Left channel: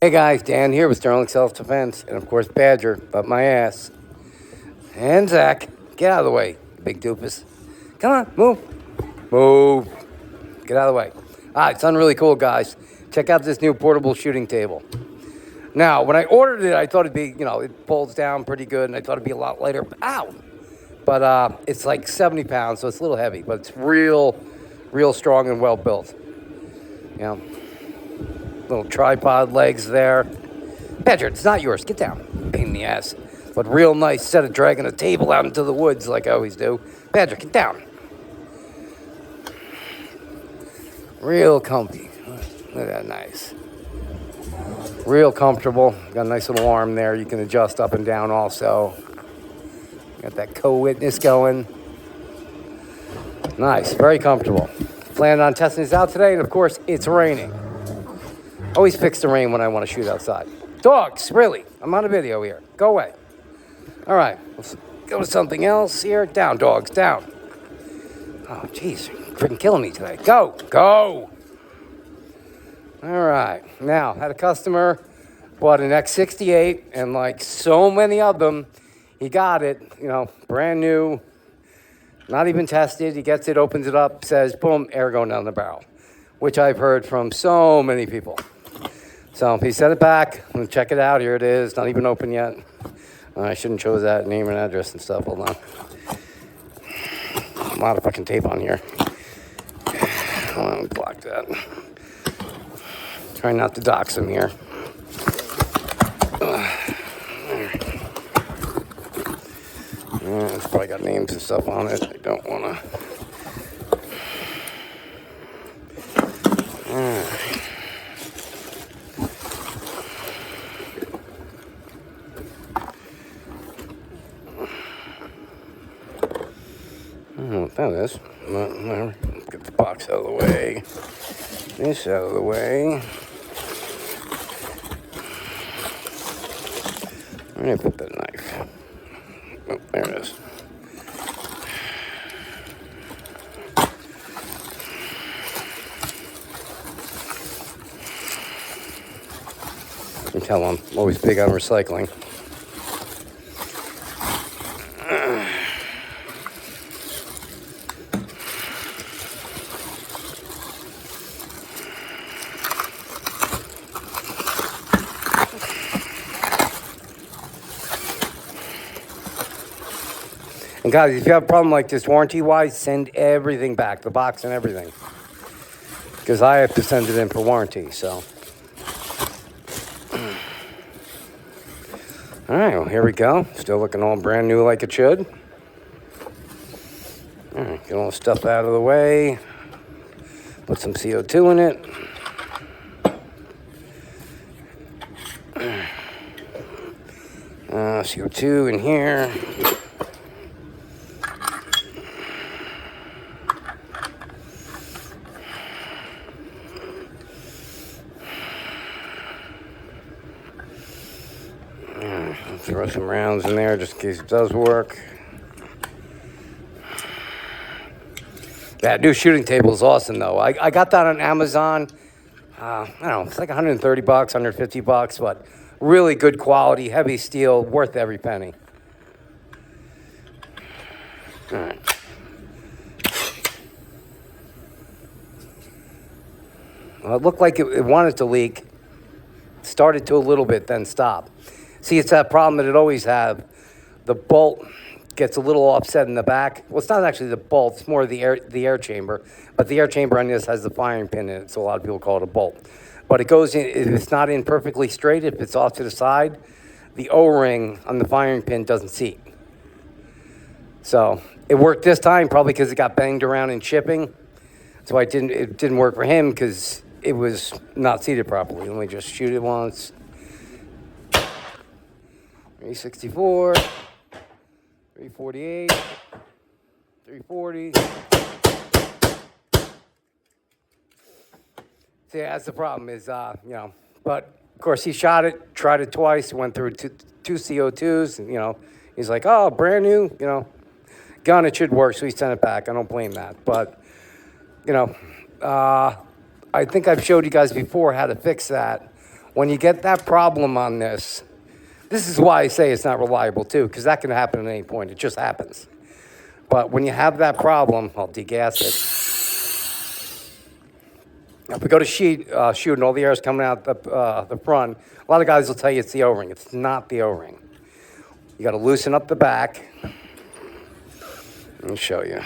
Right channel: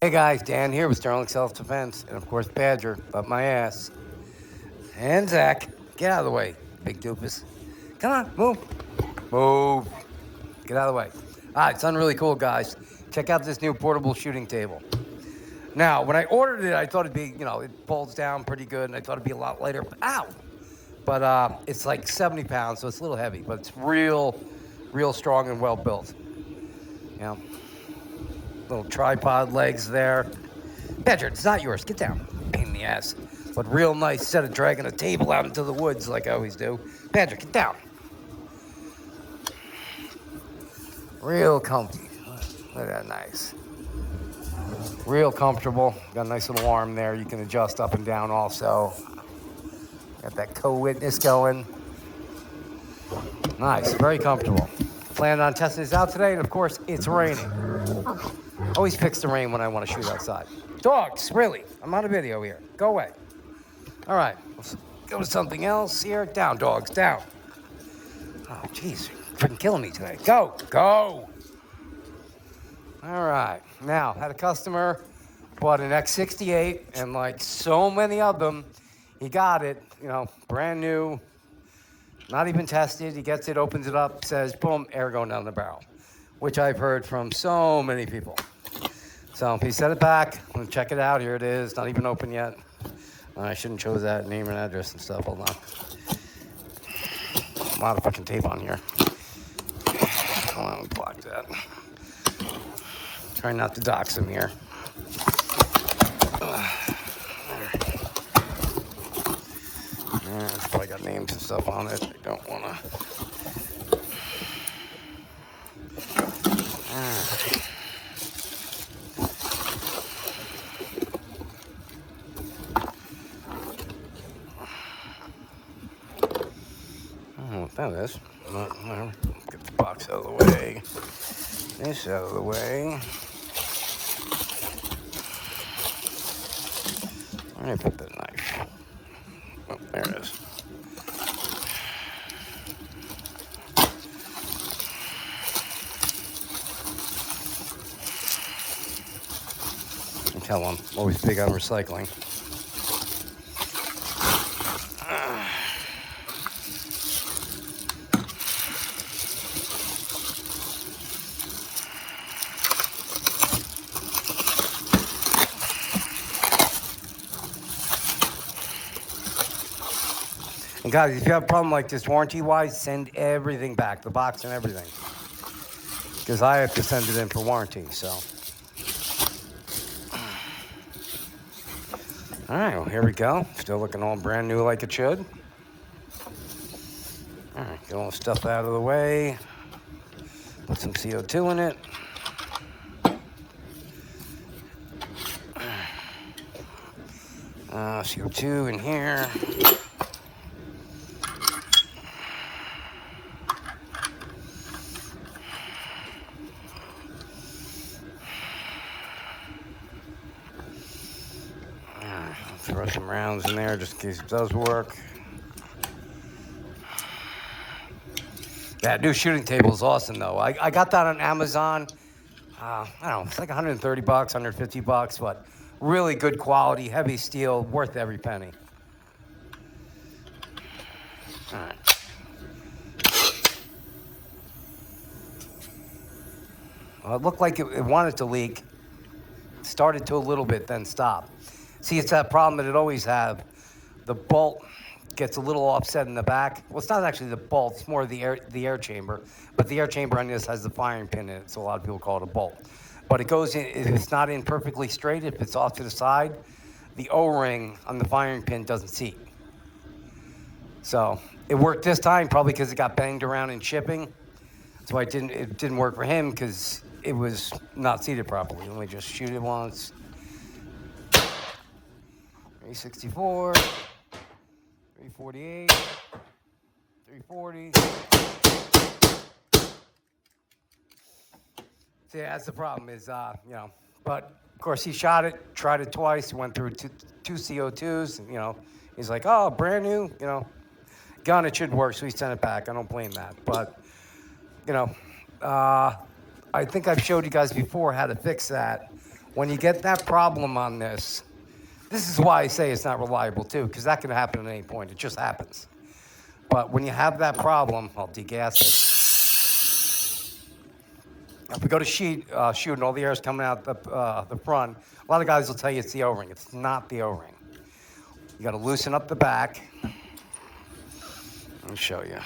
Hey guys, Dan here with Sterling Self Defense, and of course Badger, but my ass. And Zach, get out of the way, big doofus. Come on, move. Move. Get out of the way. All right, it's really cool, guys. Check out this new portable shooting table. Now, when I ordered it, I thought it'd be, it folds down pretty good, and I thought it'd be a lot lighter. Ow! But it's like 70 pounds, so it's a little heavy, but it's real strong and well built. Little tripod legs there. Badger, it's not yours. Get down. Pain in the ass. But real nice instead of dragging a table out into the woods like I always do. Badger, get down. Real comfy. Look at that, nice. Real comfortable. Got a nice little arm there. You can adjust up and down also. Got that co-witness going. Nice, very comfortable. Planning on testing this out today, and of course, it's raining. Always fix the rain when I want to shoot outside. Dogs, really? I'm on a video here. Go away. All right, let's go to something else here. Down, dogs, down. Oh, jeez, you're freaking killing me today. Go. All right, now, had a customer bought an x-68, and like so many of them, he got it, brand new, not even tested. He gets it, opens it up, says, boom, air going down the barrel, which I've heard from so many people. So he sent it back. I'm going to check it out. Here it is. Not even open yet. I shouldn't chose that name and address and stuff. Hold on. A lot of fucking tape on here. Hold on, block that. Try not to dox him here. It's probably got names and stuff on it. I don't want to. I don't know what that is. Whatever. Get the box out of the way. This out of the way. Where did I put that knife? Oh, there it is. You can tell I'm always big on recycling. And guys, if you have a problem like this warranty-wise, send everything back, the box and everything. Because I have to send it in for warranty, so. All right, well, here we go. Still looking all brand new like it should. All right, get all the stuff out of the way. Put some CO2 in it. CO2 in here. Throw some rounds in there just in case it does work. That new shooting table is awesome, though. I got that on Amazon. I don't know, it's like $130, $150, but really good quality, heavy steel, worth every penny. All right. Well, it looked like it wanted to leak. Started to a little bit, then stopped. See, it's that problem that it always have. The bolt gets a little offset in the back. Well, it's not actually the bolt, it's more the air chamber. But the air chamber on this has the firing pin in it, so a lot of people call it a bolt. But it goes in, if it's not in perfectly straight, if it's off to the side, the O-ring on the firing pin doesn't seat. So it worked this time, probably because it got banged around in shipping. So it didn't work for him because it was not seated properly. Let me just shoot it once. 364, 348, 340. See, that's the problem is, but of course he shot it, tried it twice, went through two CO2s, and, he's like, oh, brand new, gun, it should work, so he sent it back. I don't blame that. But, I think I've showed you guys before how to fix that When you get that problem on this is why I say it's not reliable too, because that can happen at any point. It just happens. But when you have that problem, I'll degas it. If we go to shoot and all the air is coming out the front, a lot of guys will tell you it's the O-ring. It's not the O-ring. You got to loosen up the back. Let me show you.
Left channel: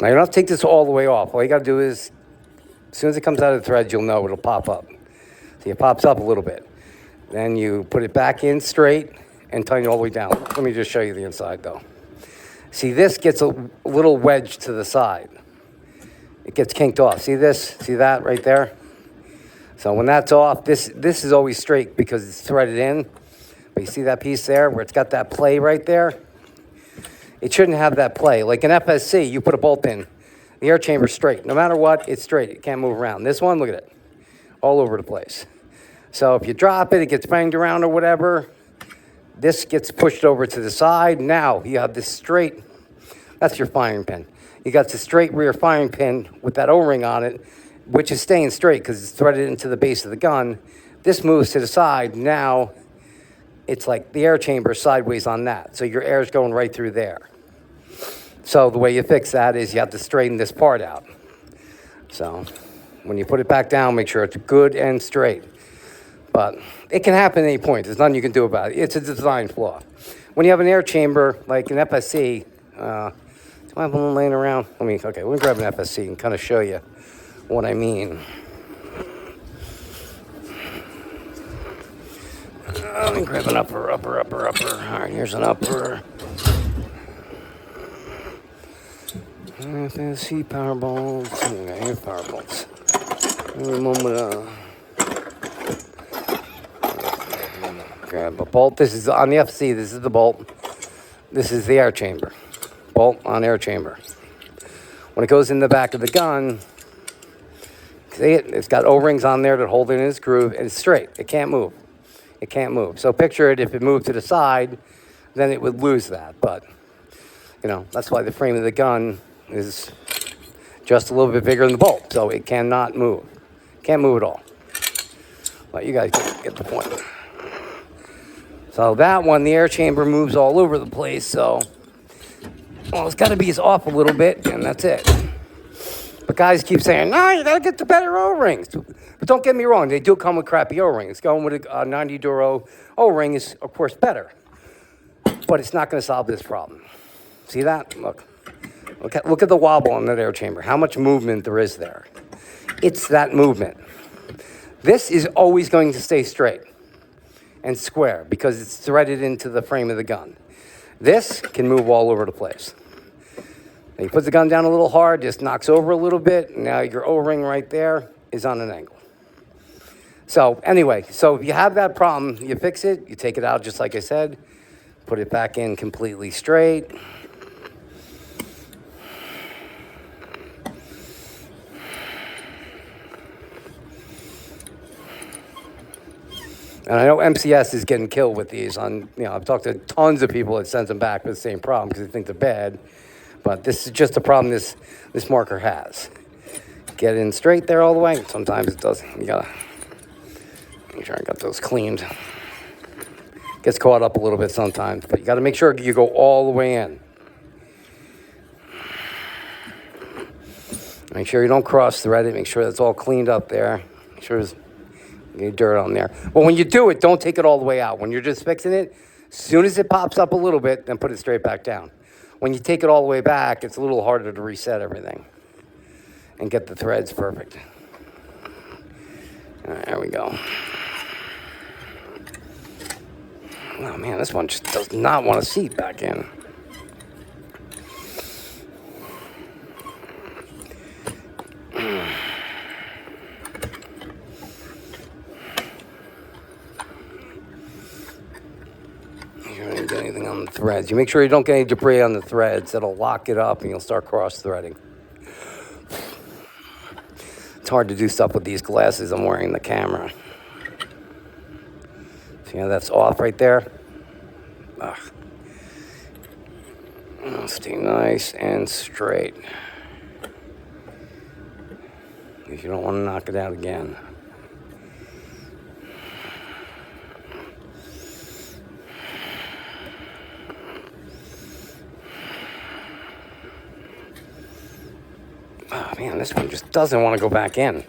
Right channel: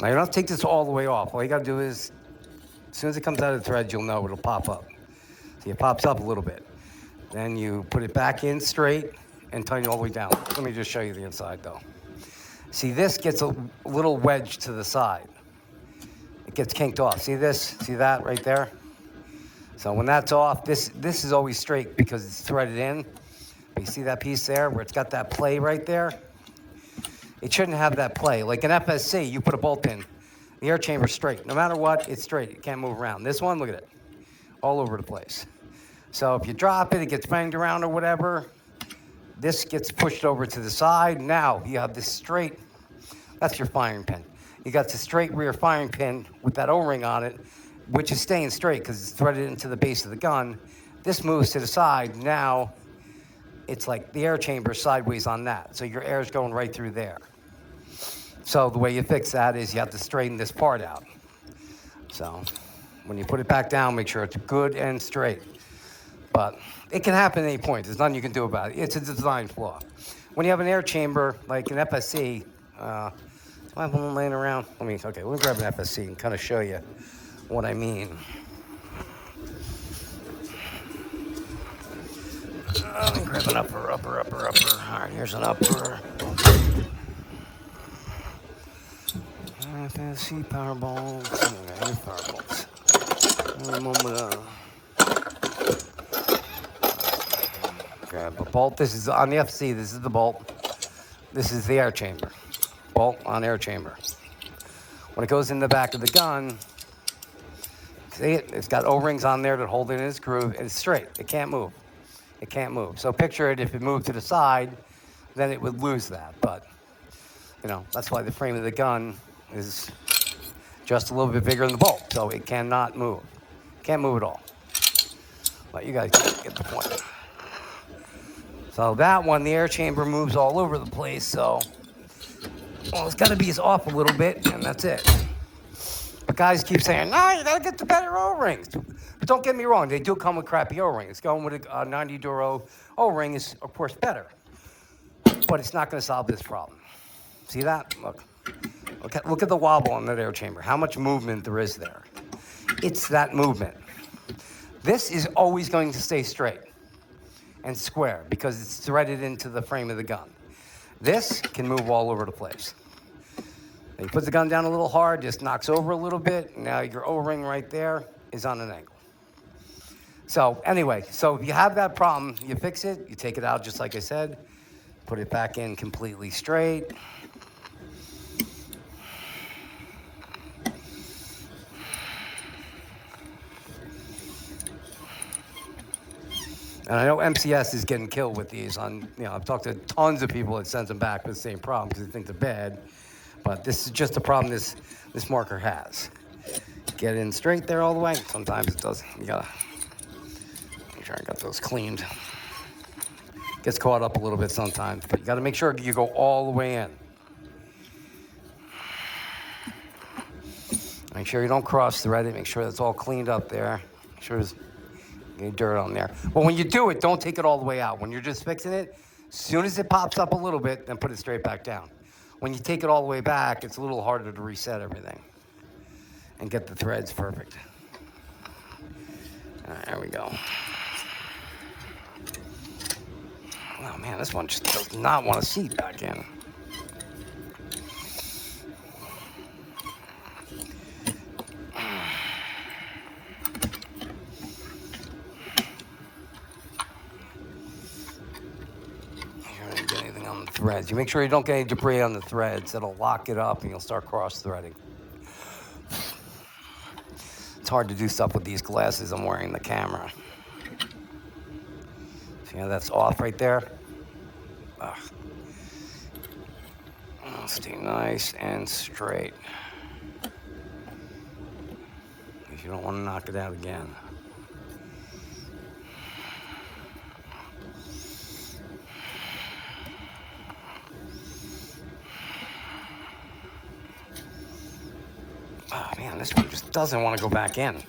Now, you don't have to take this all the way off. All you got to do is, as soon as it comes out of the threads, you'll know it'll pop up. See, it pops up a little bit. Then you put it back in straight and tighten it all the way down. Let me just show you the inside, though. See, this gets a little wedge to the side. It gets kinked off. See this? See that right there? So when that's off, this is always straight because it's threaded in. But you see that piece there where it's got that play right there? It shouldn't have that play. Like an FSC, you put a bolt in, the air chamber's straight. No matter what, it's straight. It can't move around. This one, look at it. All over the place. So if you drop it, it gets banged around or whatever. This gets pushed over to the side. Now you have this straight, that's your firing pin. You got the straight rear firing pin with that O-ring on it, which is staying straight because it's threaded into the base of the gun. This moves to the side. Now it's like the air chamber sideways on that. So your air is going right through there. So the way you fix that is you have to straighten this part out. So when you put it back down, make sure it's good and straight. But it can happen at any point. There's nothing you can do about it. It's a design flaw. When you have an air chamber, like an FSC, do I have one laying around? Okay, we'll grab an FSC and kind of show you what I mean. Let me grab an upper. All right, here's an upper. FSC power bolts. Okay, here's power bolts. Grab a bolt. This is on the FSC. This is the bolt. This is the air chamber. Bolt on air chamber. When it goes in the back of the gun, see it? It's got O-rings on there that hold it in its groove, and it's straight. It can't move. It can't move. So picture it, if it moved to the side, then it would lose that. But, that's why the frame of the gun is just a little bit bigger than the bolt. So it cannot move. Can't move at all. But you guys get the point. So that one, the air chamber moves all over the place. So, it's got to be off a little bit, and that's it. But guys keep saying, no, you got to get the better O-rings. But don't get me wrong, they do come with crappy O-rings. Going with a 90 Duro O-ring is, of course, better. But it's not going to solve this problem. See that? Look at the wobble on that air chamber. How much movement there is there. It's that movement. This is always going to stay straight and square because it's threaded into the frame of the gun. This can move all over the place. Now you put the gun down a little hard, just knocks over a little bit. Now your O-ring right there is on an angle. So anyway, if you have that problem, you fix it, you take it out just like I said, put it back in completely straight. And I know MCS is getting killed with these. I've talked to tons of people that sends them back with the same problem because they think they're bad. But this is just a problem this marker has. Get in straight there all the way. Sometimes it doesn't. You gotta make sure I got those cleaned. Gets caught up a little bit sometimes, but you gotta make sure you go all the way in. Make sure you don't cross thread it. Make sure that's all cleaned up there. Make sure there's any dirt on there. Well, when you do it, don't take it all the way out. When you're just fixing it, as soon as it pops up a little bit, then put it straight back down. When you take it all the way back, it's a little harder to reset everything and get the threads perfect. All right, there we go. Oh man, this one just does not want to seat back in. Get anything on the threads. You make sure you don't get any debris on the threads. That'll lock it up and you'll start cross-threading. It's hard to do stuff with these glasses I'm wearing the camera. See how that's off right there? Ugh. Stay nice and straight. If you don't want to knock it out again. Oh man, this one just doesn't want to go back in.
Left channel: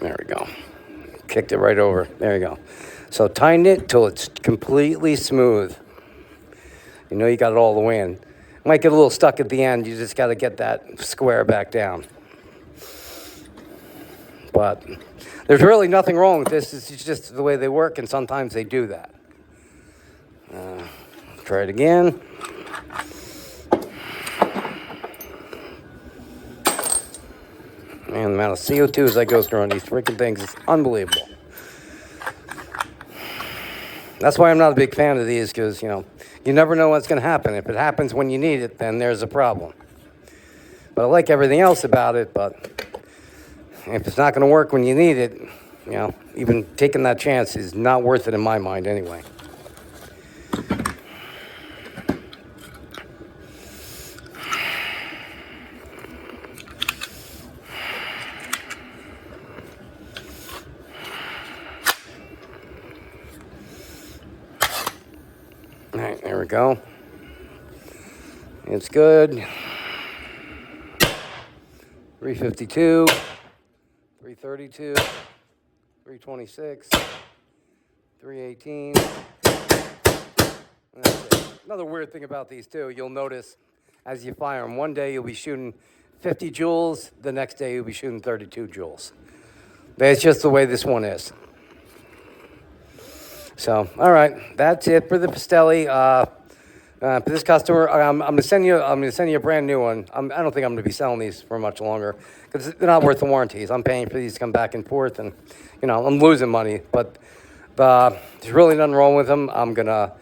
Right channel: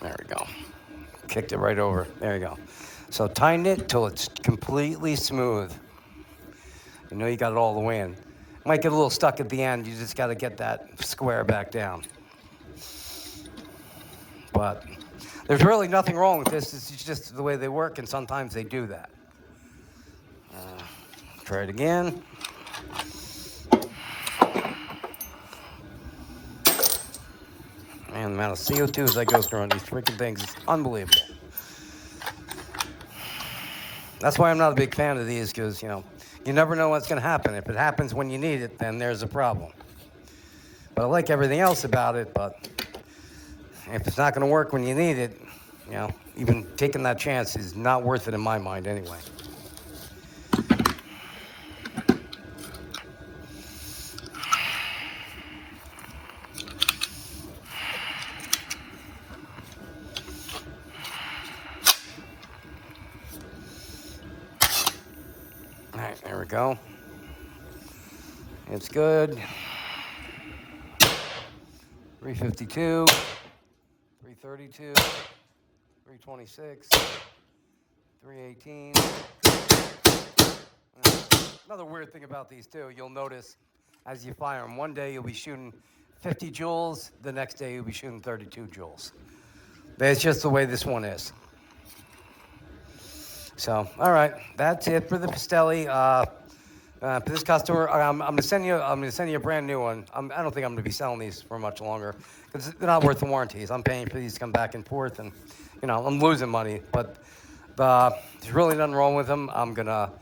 There we go. Kicked it right over. There you go. So tighten it till it's completely smooth. You know you got it all the way in. It might get a little stuck at the end. You just got to get that square back down. But there's really nothing wrong with this. It's just the way they work, and sometimes they do that. Try it again. Man, the amount of CO2 that goes through on these freaking things is unbelievable. That's why I'm not a big fan of these, because, you never know what's going to happen. If it happens when you need it, then there's a problem. But I like everything else about it, but if it's not going to work when you need it, even taking that chance is not worth it in my mind anyway. All right, there we go. It's good. 352, 332, 326, 318. Another weird thing about these too, you'll notice as you fire them, one day you'll be shooting 50 joules, the next day you'll be shooting 32 joules. That's just the way this one is. So, all right, that's it for the Pistelle. For this customer, I'm gonna send you a brand new one. I don't think I'm gonna be selling these for much longer because they're not worth the warranties. I'm paying for these to come back and forth, and I'm losing money. But there's really nothing wrong with them. I'm gonna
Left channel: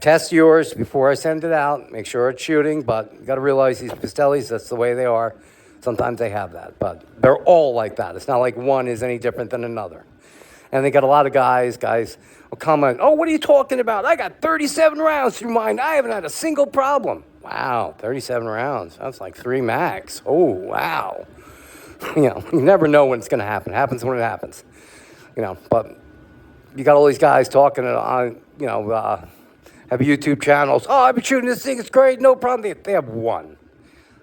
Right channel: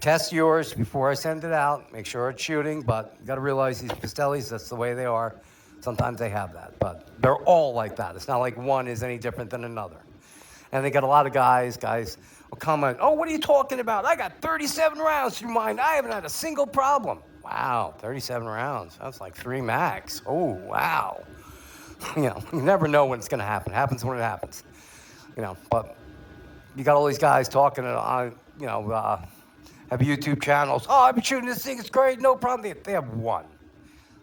test yours before I send it out. Make sure it's shooting. But you got to realize these Pistelles, that's the way they are. Sometimes they have that, but they're all like that. It's not like one is any different than another. And they got a lot of guys will comment, "Oh, what are you talking about? I got 37 rounds through mine. I haven't had a single problem." Wow, 37 rounds. That's like 3 max. Oh, wow. You never know when it's going to happen. It happens when it happens. But you got all these guys talking on, have YouTube channels. "Oh, I've been shooting this thing. It's great. No problem." They have one.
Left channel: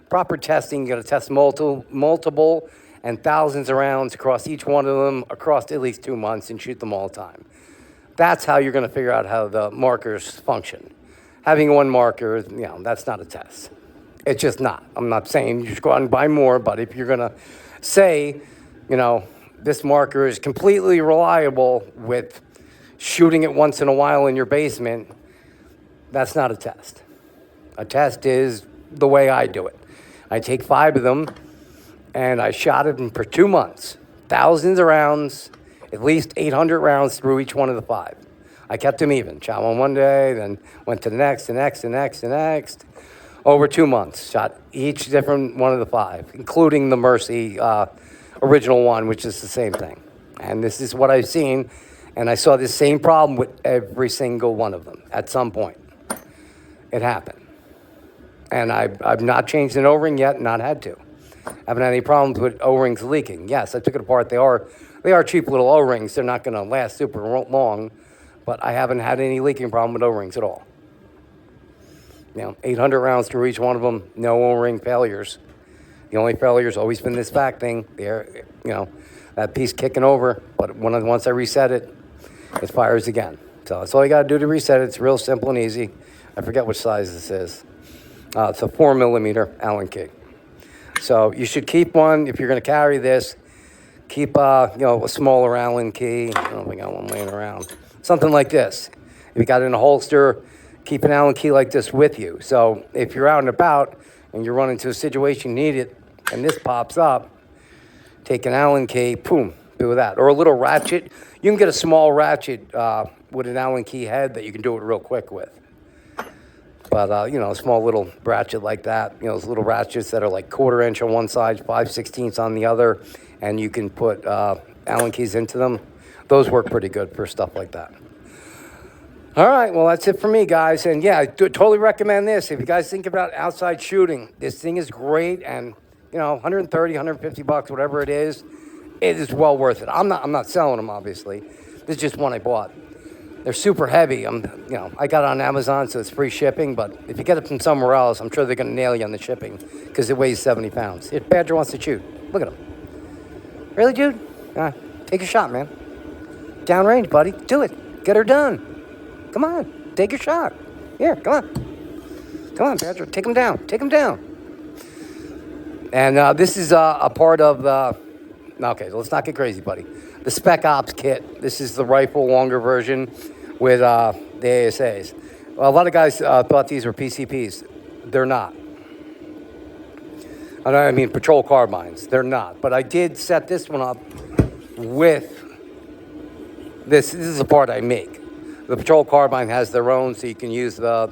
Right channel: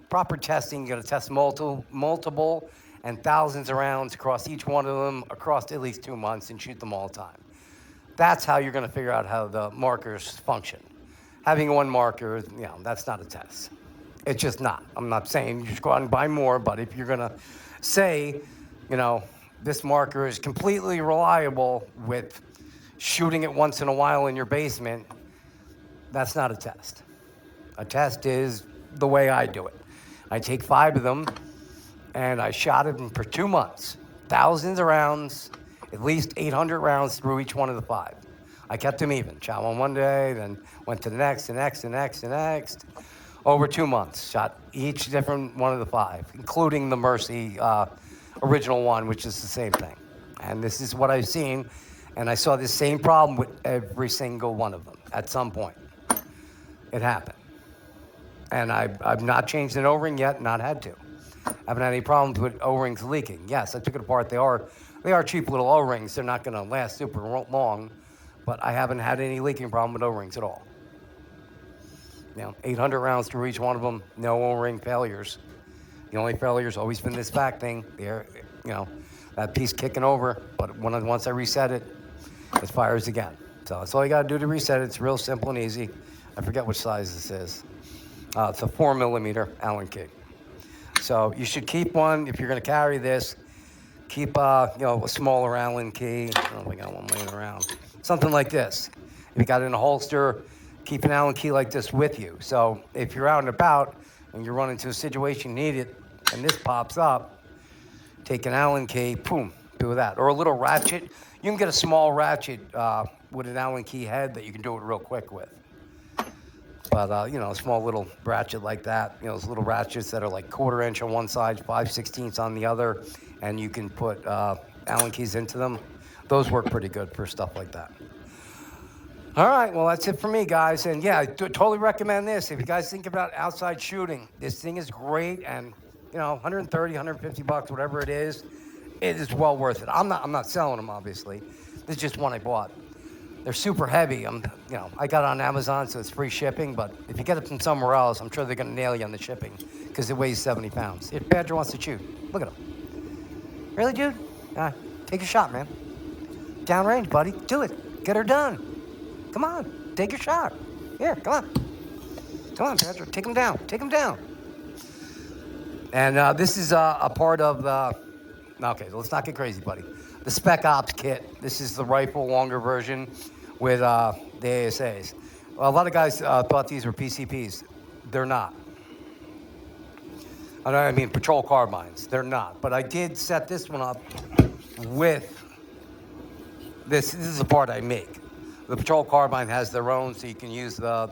Proper testing, you got to test multiple and thousands of rounds across each one of them, across at least 2 months, and shoot them all the time. That's how you're going to figure out how the markers function. Having one marker, that's not a test. It's just not. I'm not saying you should go out and buy more, but if you're going to say, this marker is completely reliable with shooting it once in a while in your basement, that's not a test. A test is the way I do it. I take 5 of them, and I shot them for 2 months. Thousands of rounds, at least 800 rounds through each one of the 5. I kept them even. Shot one day, then went to the next, the next, the next, the next. Over 2 months, shot each different one of the 5, including the Mercy original one, which is the same thing. And this is what I've seen, and I saw this same problem with every single one of them at some point. It happened. And I've not changed an O-ring yet, not had to. Haven't had any problems with O-rings leaking. Yes, I took it apart. They are cheap little O-rings. They're not going to last super long, but I haven't had any leaking problem with O-rings at all. 800 rounds through each one of them, no O-ring failures. The only failure's always been this back thing. There, that piece kicking over. But once I reset it, it fires again. So that's all you got to do to reset it. It's real simple and easy. I forget which size this is. It's a 4mm Allen key. So you should keep one if you're going to carry this. Keep a smaller Allen key. I don't think I got one laying around. Something like this. If you got it in a holster, keep an Allen key like this with you. So if you're out and about and you run into a situation you need it, and this pops up, take an Allen key, boom, do that. Or a little ratchet. You can get a small ratchet with an Allen key head that you can do it real quick with. But, you know, a small little ratchet like that, you know, those little ratchets that are like 1/4 inch on one side, 5/16 on the other, and you can put Allen keys into them. Those work pretty good for stuff like that. All right, well, that's it for me, guys. And yeah, I totally recommend this. If you guys think about outside shooting, this thing is great. And, you know, 130, 150 bucks, whatever it is well worth it. I'm not selling them, obviously. This is just one I bought. They're super heavy. I got it on Amazon, so it's free shipping. But if you get it from somewhere else, I'm sure they're going to nail you on the shipping because it weighs 70 pounds. If Badger wants to shoot, look at him. Really, dude? All right, take a shot, man. Downrange, buddy. Do it. Get her done. Come on, take your shot. Here, come on. Come on, Badger. Take him down. Take him down. And this is a part of the... Okay, let's not get crazy, buddy. The Spec Ops kit. This is the rifle longer version with the ASAs. Well, a lot of guys thought these were PCPs. They're not. I mean, patrol carbines. They're not. But I did set this one up with this. This is the part I make. The patrol carbine has their own, so you can use the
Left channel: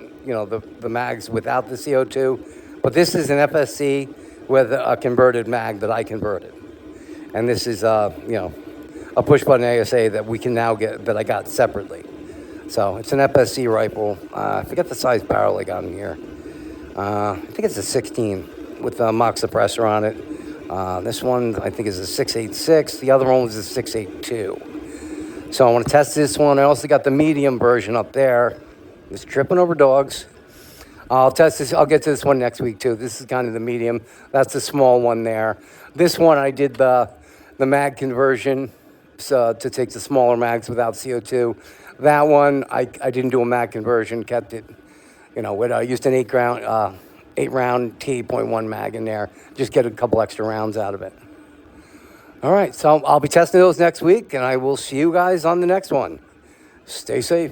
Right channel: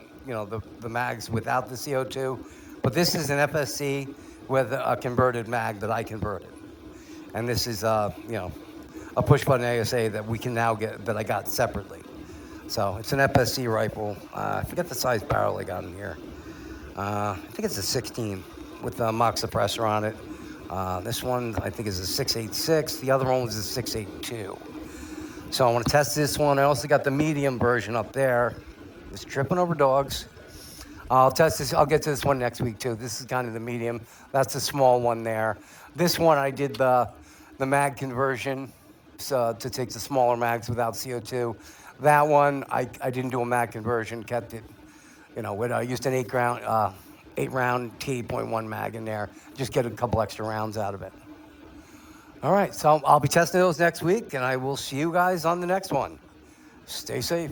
mags without the CO2. But this is an FSC with a converted mag that I converted. And this is, a push-button ASA that we can now get, that I got separately. So it's an FSC rifle. I forget the size barrel I got in here. I think it's a 16 with a mock suppressor on it. This one, I think, is a 6.86. The other one was a 6.82. So I want to test this one. I also got the medium version up there. It's tripping over dogs. I'll test this. I'll get to this one next week, too. This is kind of the medium. That's the small one there. This one, I did the mag conversion to take the smaller mags without CO2. That one, I didn't do a mag conversion, kept it, I used an 8-round T.1 mag in there, just get a couple extra rounds out of it. All right, so I'll be testing those next week, and I will see you guys on the next one. Stay safe.